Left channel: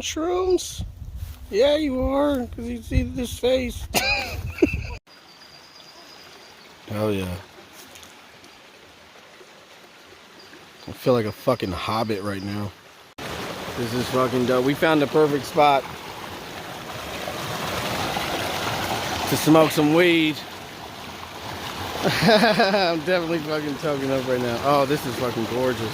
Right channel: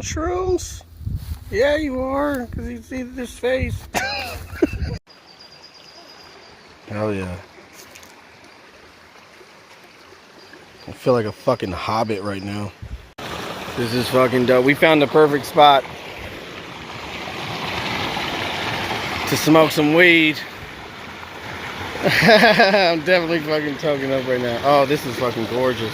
on shrooms? Yeah, you are, because you see this face. Hell yeah. I feel like a fucking hobbit right now. This is fucking dope. We found the perfect spot to smoke some weed. I'm definitely fucking toking up right now. Oh, this is fucking gorgeous.